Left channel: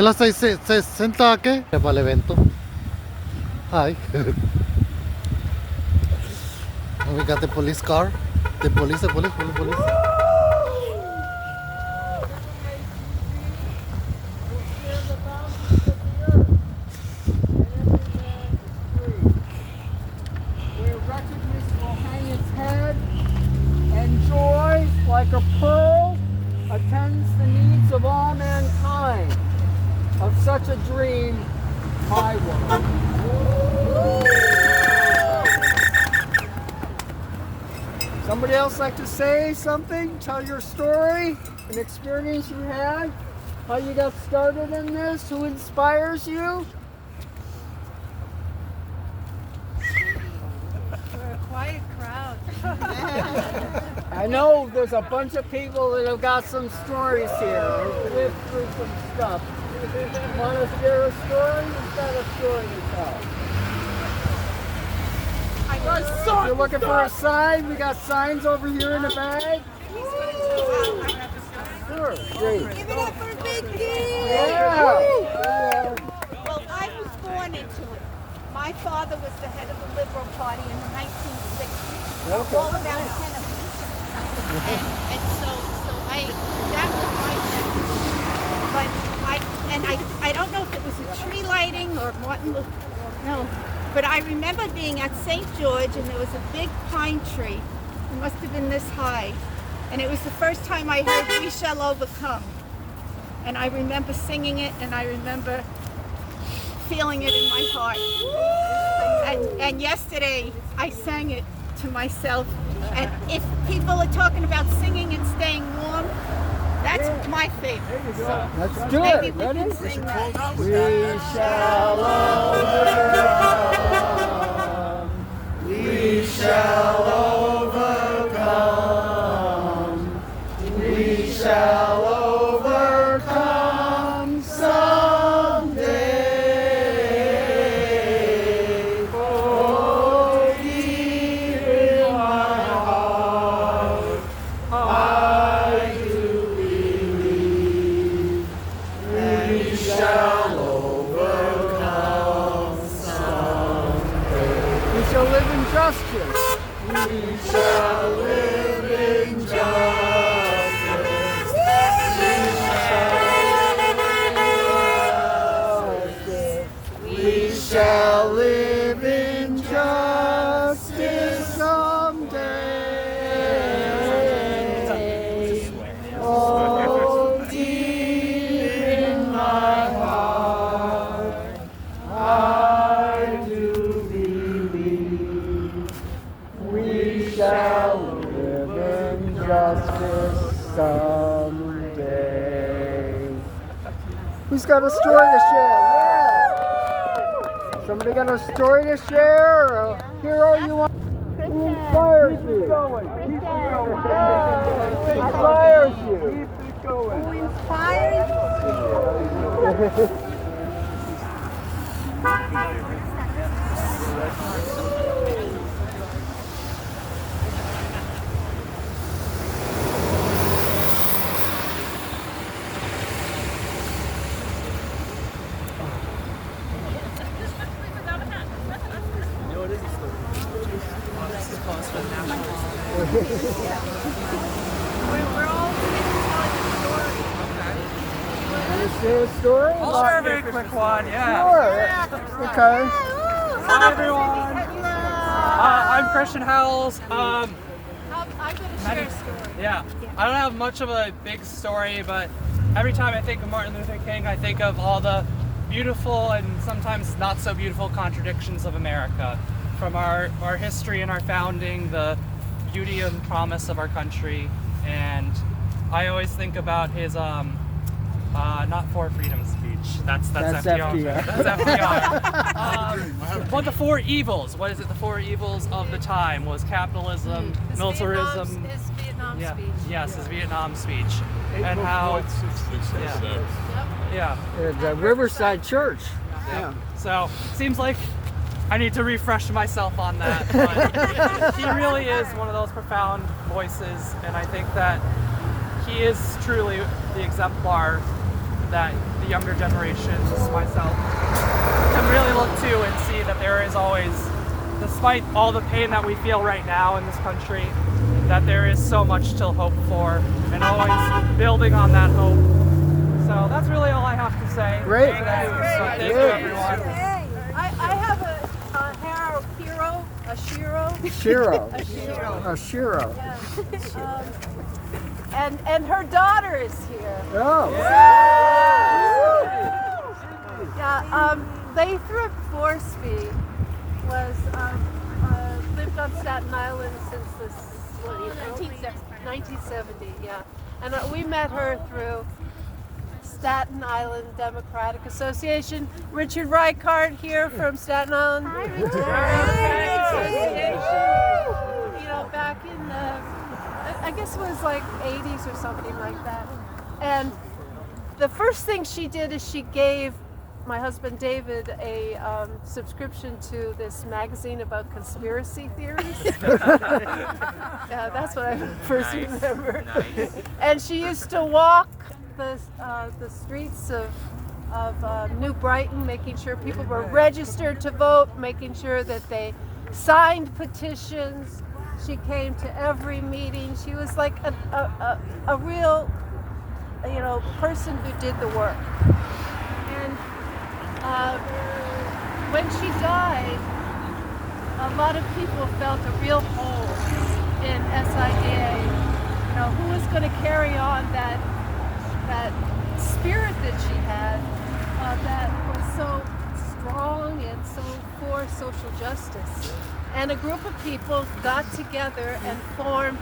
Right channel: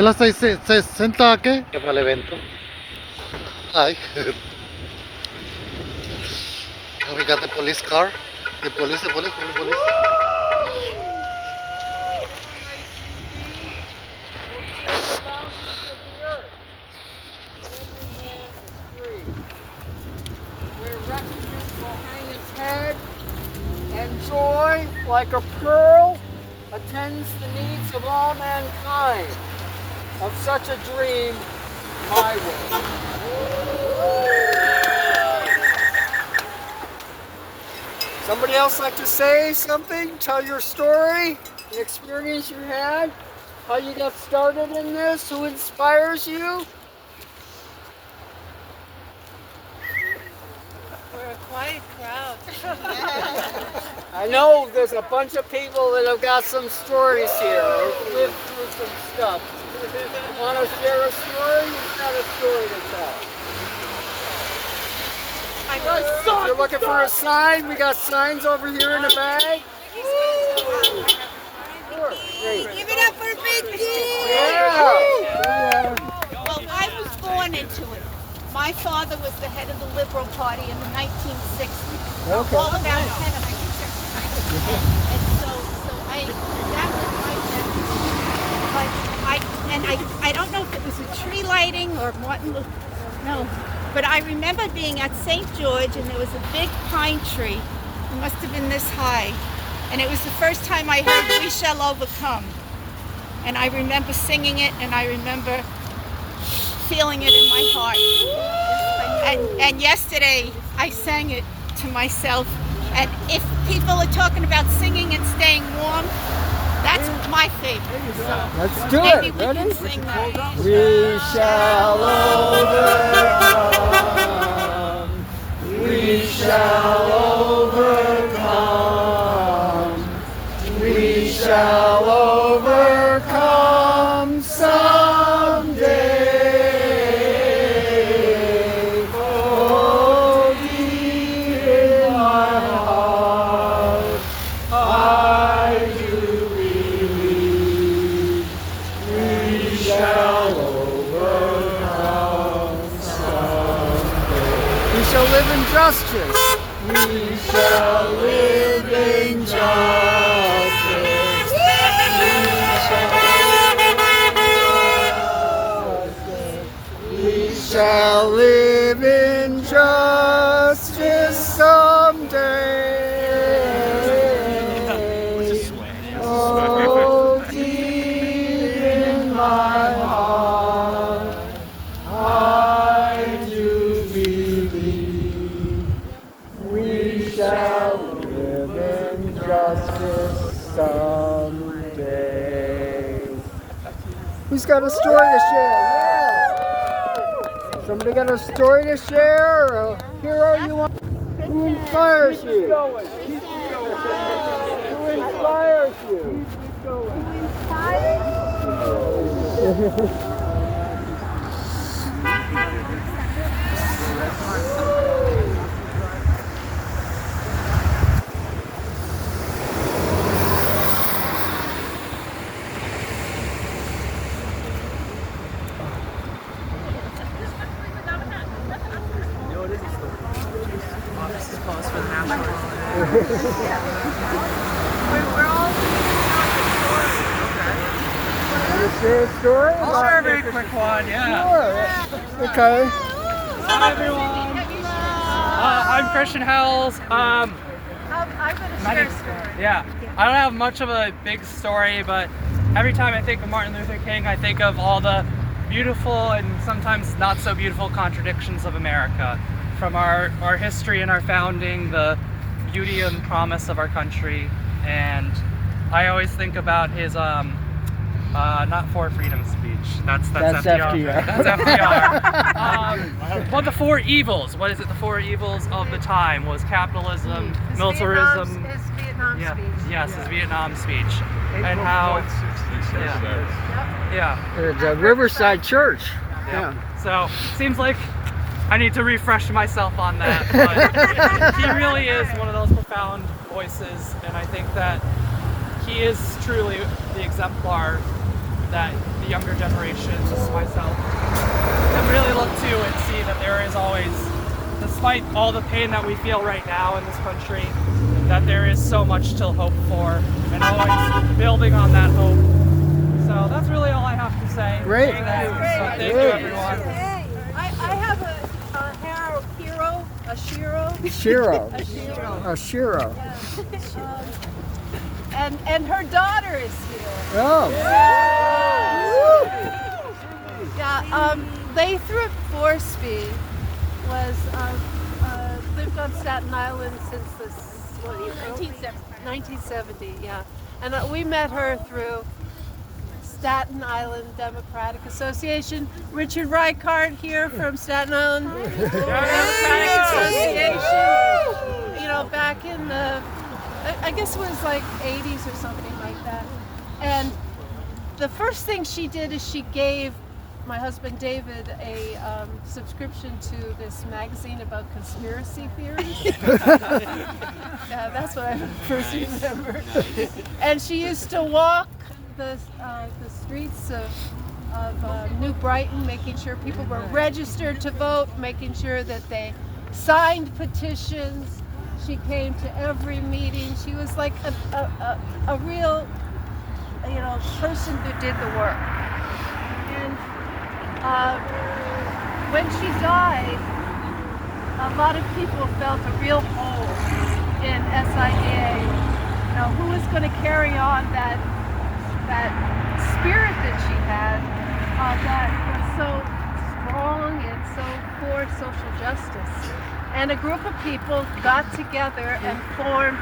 Él hasta ahí se senta ¿a qué? Para el evento. Ay. And we got the police car. The police. And joy, like a pearl, attends the needs of all mankind. Of such a dream, my world. Somebody else like to say something? Tell your story, an experience you had, how you got started in this, who inspires you? We're a quiet crowd. I know there's a bunch of people that have got some stories here. They've lived through some stuff. You want to share a story? You've got a story to tell. If you're looking for a sign, we got signs over here in the bag. Sure. Give it up for Big D! Yeah. Well, I was born into it. My father was the head of the Liberal Party in the 1960s. Okay. All about head of and so that was my but I don't know if it was a tree lighting or Martin Luther, no. But I remember being at St. George and there was a big pine tree. It must have been this high. And it was the first time I heard "We Shall Overcome." And I remember singing it and I remember feeling it in my heart. And yesterday I sang it to myself. And if people are talking about singing and staying warm, that's my favorite. So Let's do maybe it. we Ready? can sing that. We shall overcome. We shall overcome. We shall overcome someday. Oh, deep in my heart, I do believe we shall overcome someday. We shall live in justice. We shall live in justice. We shall live in justice someday. Oh, deep in my heart, I do believe we shall live in justice someday. Who's got a story to share? Yeah. Somebody got a story to share? Or a hero you want? Who inspires you? Who inspires you? Who inspires you? Want to share a story? I'll share a very quick one, yeah. Sure. Okay. Hi everyone. I'm Christian Hells. I'm gonna share a story. Yeah, I don't have much of a big story, but every time I think of Martin Luther King, I think of all the beautiful and sometimes not so beautiful contradictions of America. From our history and our founding, the beauty and promise of our country, and I always think about his not for freedom speech. That's FDR. That's FDR. But the four evils. What is it? The four evils of the time was capitalism, militarism. His Vietnam speech. Yes, his Vietnam speech, and how. Yeah. The Riverside Church. Yeah. So seems like I need to refresh myself on that. But he really is one of those profound voices, and I think that he is truly the exemplar that the younger generations, myself, can really look to and see that there is always, despite all the pain that we feel right now in this country, that there is so much to hope for, and always building on that hope. So that's really all I have to say today. So thank you, everyone. I have a hero, a Shiro. A Shiro. Yeah. And her daughter is here. Oh. Yeah. Lathrop Forsby was lived on Staten Island since the 1970. Yeah. And we met her through Staten Island Democratic Association. Richard Reichard here from Staten Island Democratic Association. You know, back in the, I guess it was like 80s or something like that. And the first thing she did is she gave my husband David a subscription to this magazine about conspiracy theories. Yeah, that's what I first remember. And she used to walk the streets of New Brighton, making sure people were registered to vote, making sure that they signed petitions. She came to every meeting. She was like a real, person who did the work. And when she died, a lot of people felt a real hole in SIA. Now, who is going to carry on that spirit that she had, that was so strong and so for social justice? And a group of people got together and formed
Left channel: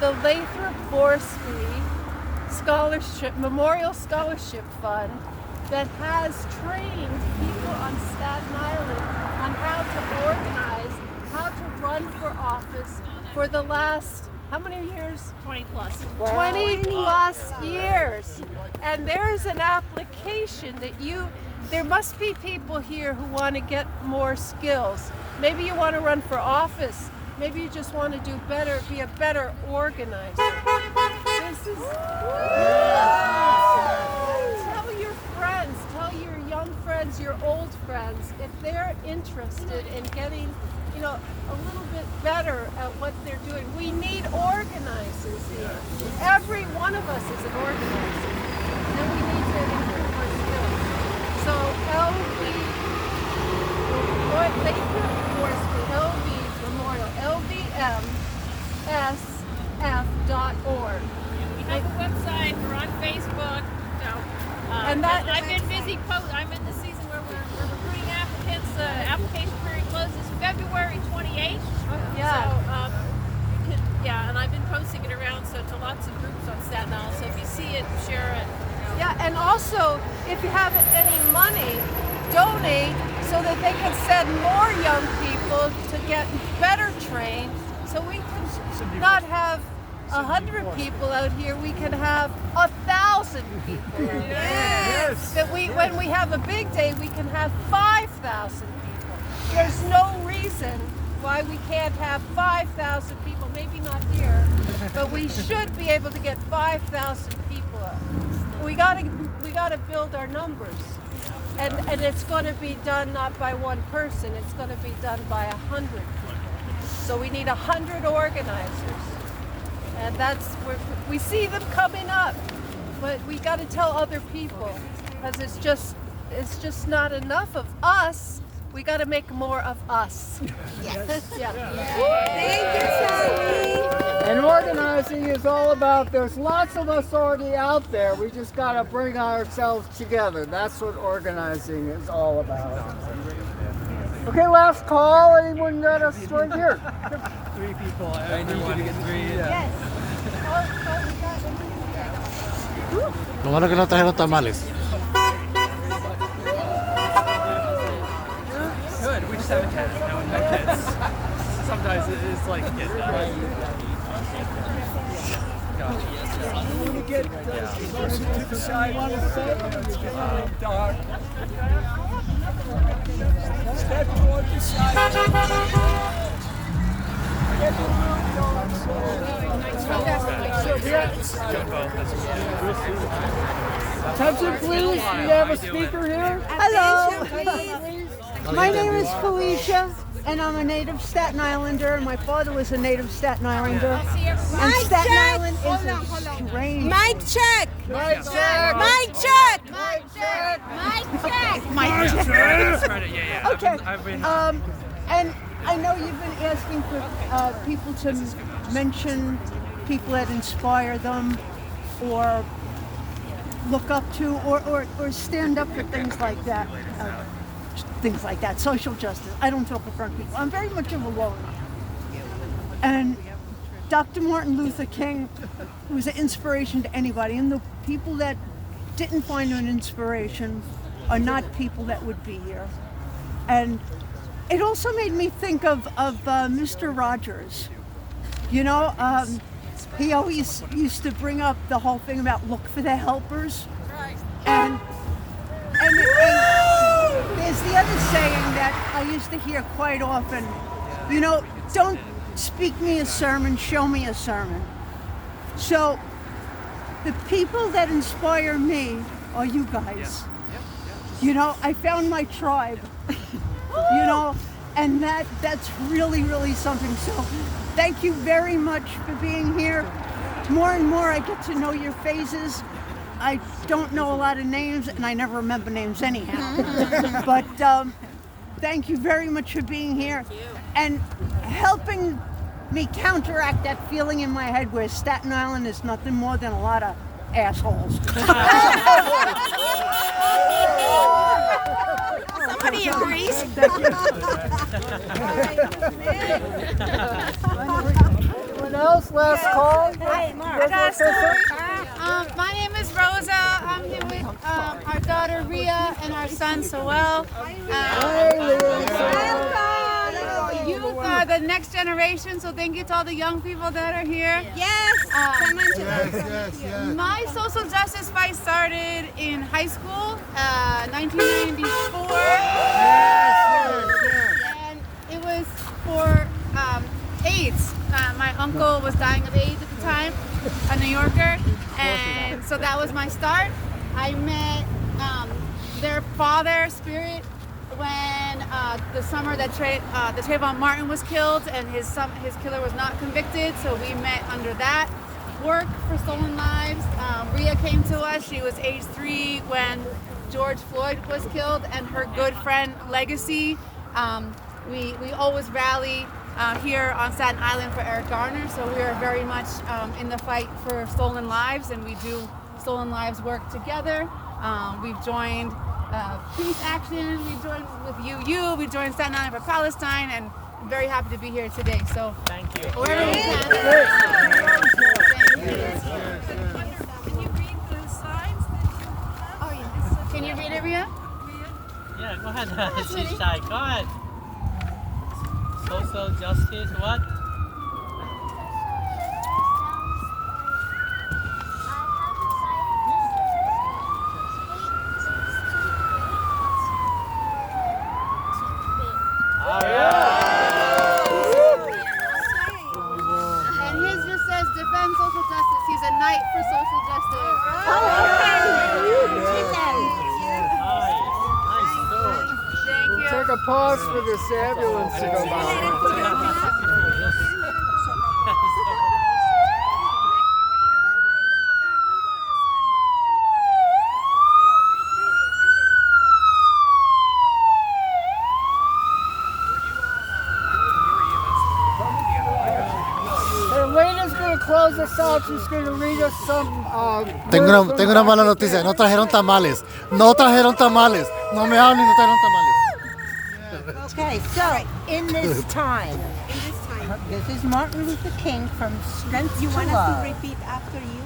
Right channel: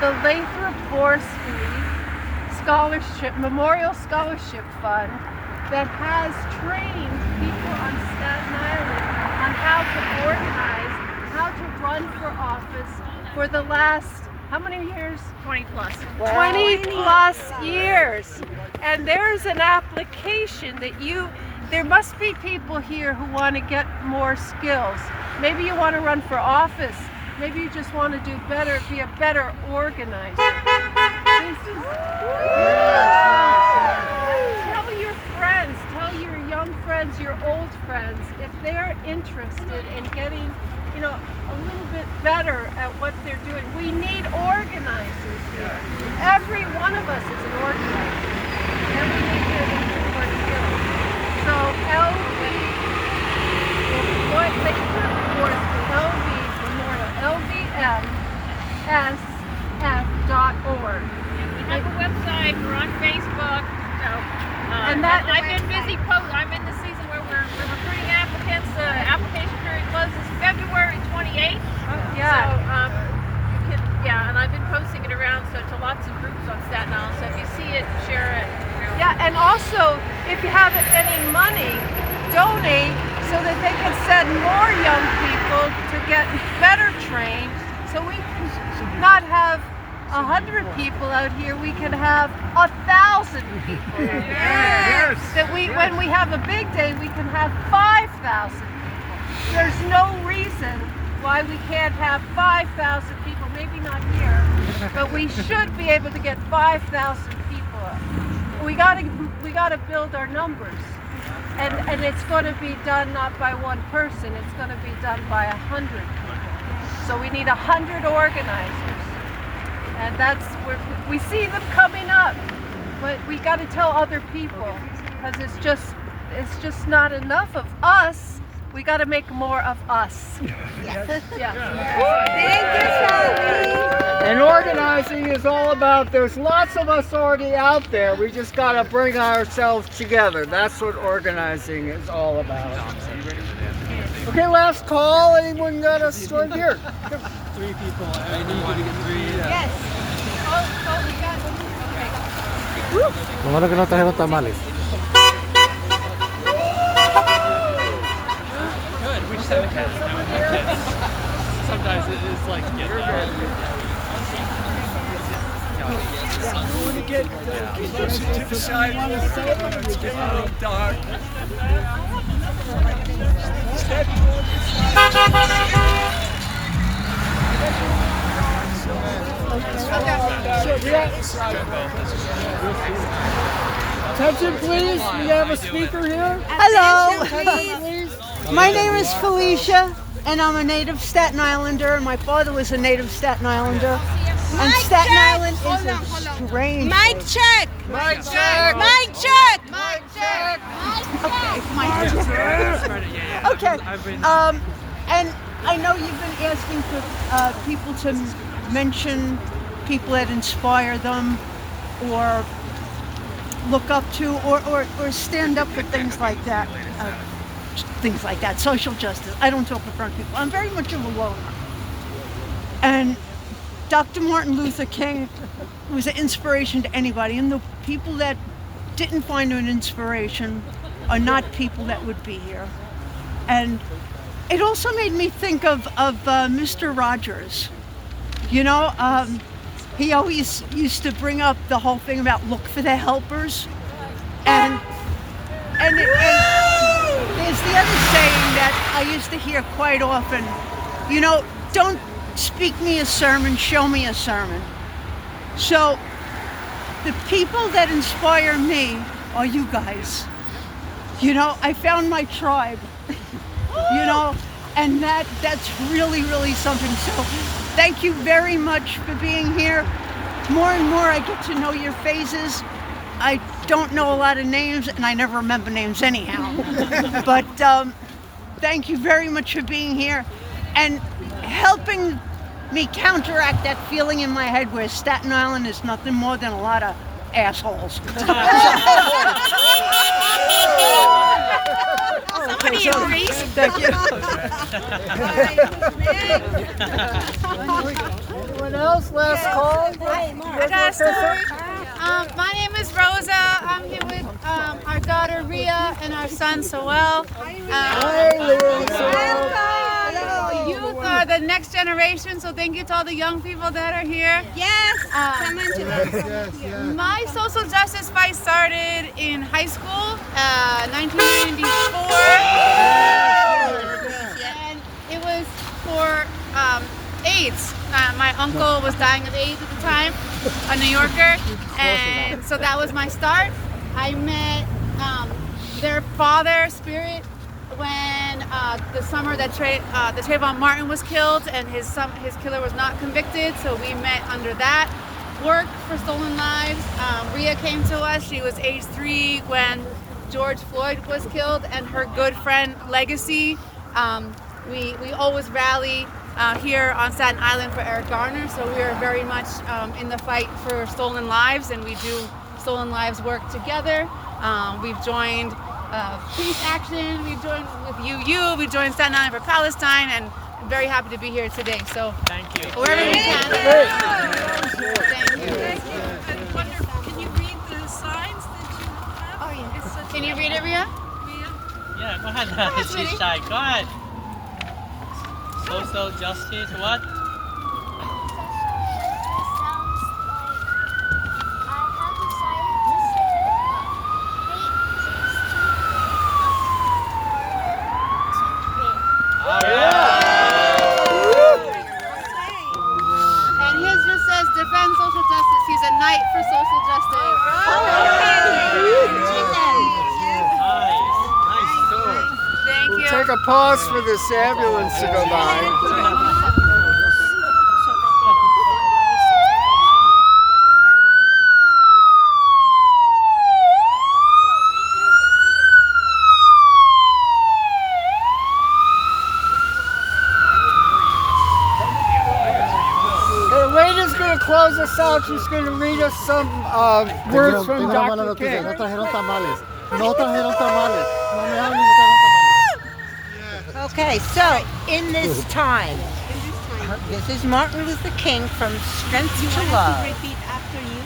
the Lathrop Forsby Memorial Scholarship Fund that has trained people on Staten Island on how to organize, how to run for office for the last, how many years? 20 plus. Wow. 20 plus years. And there's an application that there must be people here who want to get more skills. Maybe you want to run for office. Maybe you just want to do better, be a better organizer. This is... Tell your friends, tell your young friends, your old friends, if they're interested in getting, a little bit better at what they're doing. We need organizers here. Every one of us is an organizer. And we need to get more skills. So they put LV Memorial, LVMSF.org. We have a website, we're on Facebook. So, And that- I've been busy I'm in the season where we're recruiting applicants. The application period closes February 28th. Yeah. So, and I've been posting it around to lots of groups on Staten Island. So if you see it, share it. Yeah, and also, if you have any money, donate so that they can send more young people to get better trained, so we can not have 100 people out here, we can have 1,000 people. Yes. That when we have a big day, we can have 5,000 people. There's no reason why we can't have 5,000 people, maybe not here, but we should be able to get 5,000 people up. We gotta build our numbers. And it's going to be done not by one person, it's going to be done by 100 people. So we need 100 organizers. And we see them coming up, but we got to tell other people, because it's just not enough of us. We got to make more of us. Yeah. Thank you, Sally. And organizing is all about, there's lots of us already out there. We just got to bring ourselves together. That's what organizing is all about. Okay, last call. Anyone got a story here? 3 people. I knew you were going to get 3. Yes. Oh, we got them. Okay. Lo malo que no trajeron tamales. Good. We just haven't had sometimes it is like I want to get closer to the side. It's getting a little dark. Attention, please. We have a speaker here. Hello. My name is Felicia, and I'm a native Staten Islander. And my father was a native Staten Islander. And Staten Island is a strange. Mic check. Mic check. Mic check. Mic check. Okay. And I know you've been asking for people to mention people that inspire them, or look up to, or stand up for things like that. Social justice. I don't talk in front of people. I'm very much of a loner. And Dr. Martin Luther King was an inspiration to anybody. And the people that didn't find an inspiration are not people that would be here. And it also made me think of Mr. Rogers. You know, he always used to bring up the whole thing about look for the helpers. And there's the other saying that I used to hear quite often, you know, don't speak me a sermon, show me a sermon. So the people that inspire me are you guys. You know, I found my tribe, you know, and that's really, really something. So thank you very much for being here. More and more I get to know your faces. I don't know a lot of names, and I never remember names anyhow. But thank you very much for being here and helping me counteract that feeling in my head where Staten Island is nothing more than a lot of assholes. Somebody agrees. Thank you. Anyone else? Last call? I got a story. My name is Rosa. I'm here with our daughter Ria and our son Soel. Youth are the next generation, so thank you to all the young people that are here. Yes. Come into this. My social justice fight started in high school, 1994, and it was for AIDS. My uncle was dying of AIDS at the time, a New Yorker, and so that was my start. I met their father, Spirit, when the summer that Trayvon Martin was killed, and his killer was not convicted, so we met under that work for Stolen Lives. Ria came to us. She was age 3 when George Floyd was killed, and her good friend Legacy. We always rally here on Staten Island for Eric Garner, so we are very much in the fight for stolen lives, and we do Stolen Lives work together. We've joined Peace Action, we've joined with UU, we joined Staten Island for Palestine, and I'm very happy to be here today. So Thank you. wherever we can. Thank you. Can you read the signs that you have? Oh, yeah. It's such Can you read it, Ria? Yeah, go ahead. ahead, She's sweetie. shy. Go ahead. Social justice, what? And his just says defend social justice. He's a knight for social justice. Thank you. Take a pause for this ambulance to go by. The lady's going to close us out. She's going to read us some Tengo words una from mala Dr. noticia, King. no trajeron tamales. No trajeron tamales. No me hablen, no trajeron tamales. Okay, so in this time, this is Martin Luther King from Strength to Love. Repeat after you.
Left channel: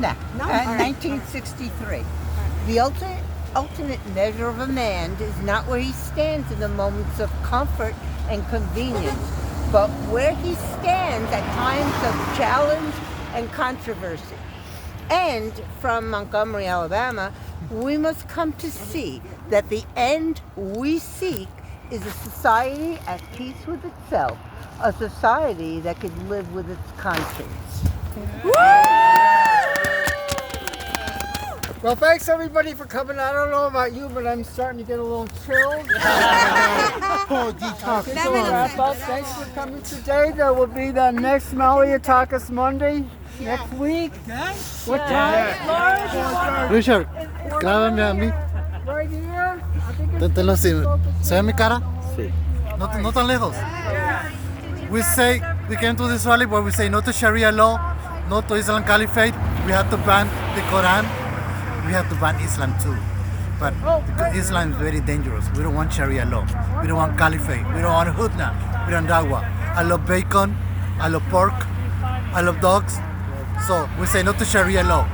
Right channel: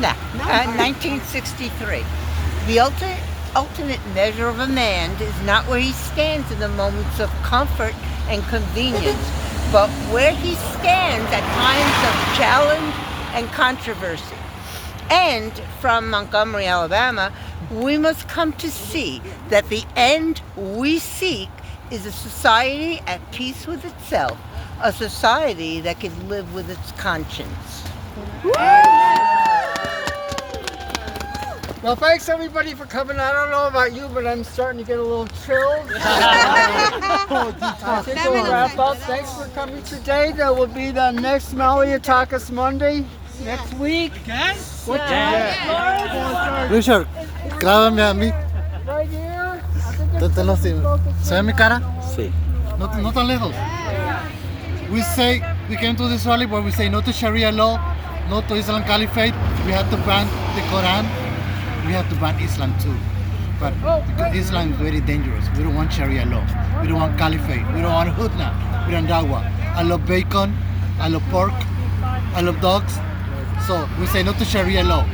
No, 1963. The ultimate measure of a man is not where he stands in the moments of comfort and convenience, but where he stands at times of challenge and controversy. And from Montgomery, Alabama, we must come to see that the end we seek is a society at peace with itself, a society that can live with its conscience. Well, thanks everybody for coming. I don't know about you, but I'm starting to get a little chilled. I think we'll wrap up. Thanks for coming today. There will be the next Maliotakis Monday next week. What time? Richard, grábame a mí. Right here. I think it's Tenlo así. ¿Se ve mi cara? Sí. No, no tan lejos. We came to this rally where we say no to Sharia law, no to Islam Caliphate. We have to ban the Quran. We have to ban Islam too. But Islam is very dangerous. We don't want Sharia law. We don't want Caliphate. We don't want Hudna. We don't dawah. I love bacon. I love pork. I love dogs. So we say no to Sharia law.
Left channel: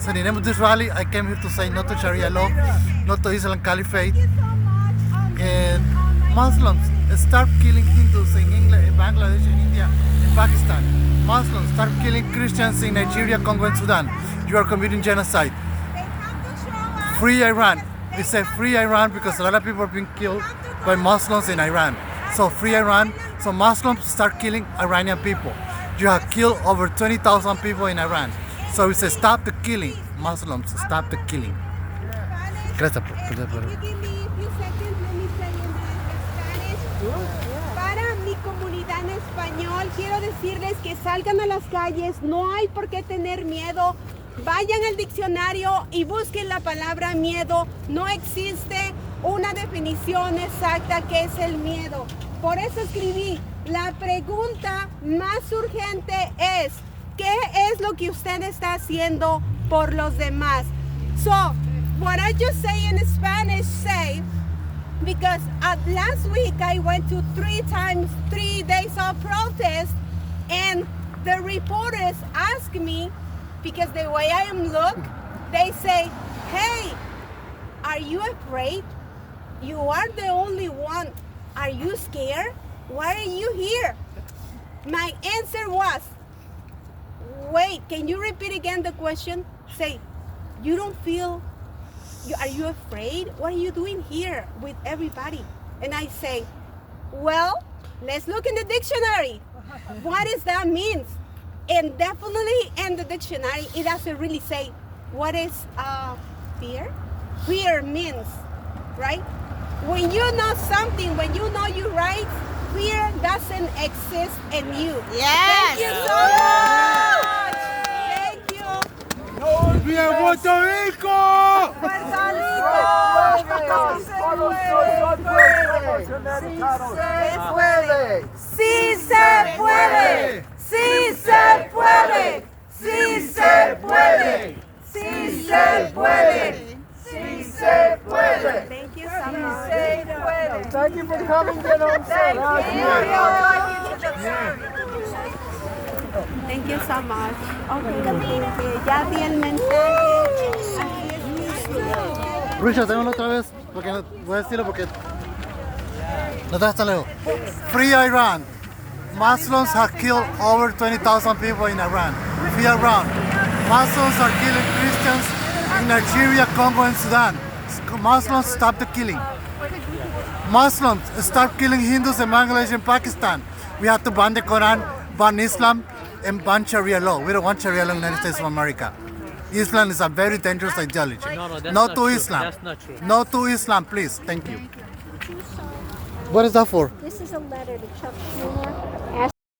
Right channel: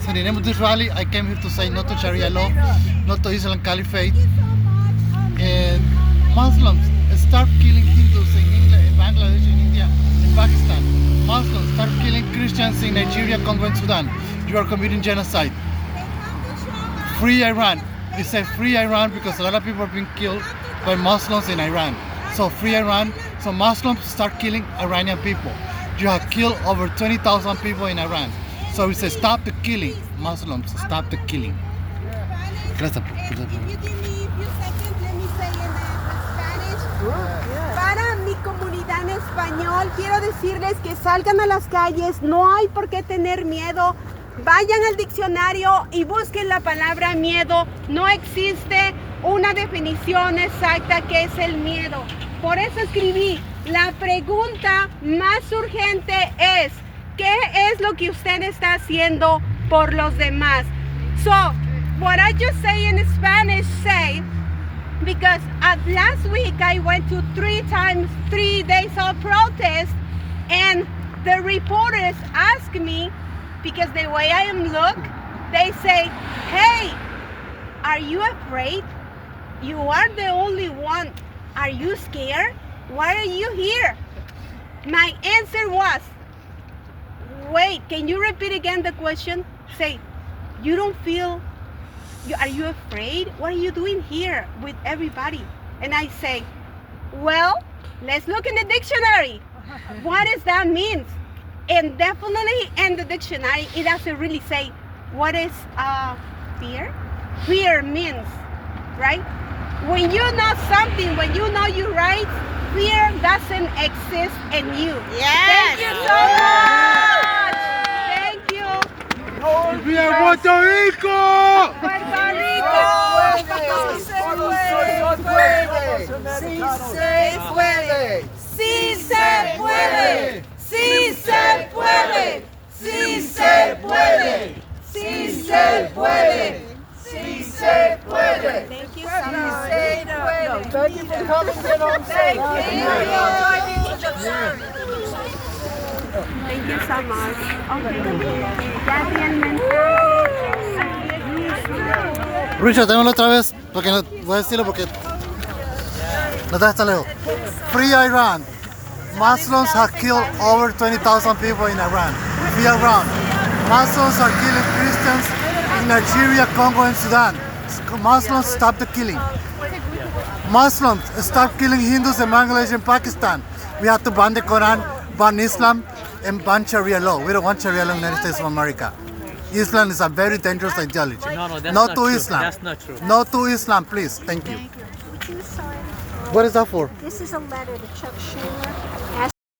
So in the name of this rally, I came here to say no to Sharia law, no to Islam Caliphate. And Muslims start killing Hindus in England, in Bangladesh, in India, in Pakistan. Muslims start killing Christians in Nigeria, Congo, and Sudan. You are committing genocide. Free Iran. We say free Iran because a lot of people are being killed by Muslims in Iran. So free Iran. So Muslims start killing Iranian people. You have killed over 20,000 people in Iran. So we say stop the killing. Muslims, stop the killing. Gracias. If you give me a few seconds, let me say in Spanish. Para mi comunidad en español, quiero decirles que salgan a las calles, no hay por qué tener miedo. Vayan al diccionario y busquen la palabra miedo. No existe una definición exacta que es el miedo. Por eso escribí, la pregunta más urgente es, ¿qué es lo que usted está haciendo por los demás? So, what I just say in Spanish, because last week I went to 3 days of protest, and the reporters asked me, because the way I am look, they say, hey, are you afraid? You are the only one. Are you scared? Why are you here? My answer was, wait, can you repeat again the question? Say, you don't feel, are you afraid? What are you doing here with everybody? And I say, well, let's look in the dictionary. What does that mean? And definitely in the dictionary, it doesn't really say what is fear. Fear means, right? When you know something, when you know your rights, fear doesn't exist in you. Yes. Thank you so much. Thank you. ¡Bien, Puerto Rico! Puerto Rico. Sí se puede. Sí se puede. Sí se puede. Sí se puede. Sí se puede. Thank you so much. Thank you for coming. Get home safe. Thank you so much. Okay. Ya di el mensaje. Richard, démoslo otra vez, porque no, voy a decirlo porque no te hasta lejos. Free Iran. Muslims have killed over 20,000 people in Iran. Free Iran. Muslims are killing Christians in Nigeria, Congo, and Sudan. Muslims, stop the killing. Muslims, stop killing Hindus in Bangladesh and Pakistan. We have to ban the Quran, ban Islam, and ban Sharia law. We don't want Sharia law in the United States of America. Islam is a very dangerous ideology. No to Islam. That's not true. No to Islam, please. Thank you. What is that for? This is a letter to Chuck Schumer.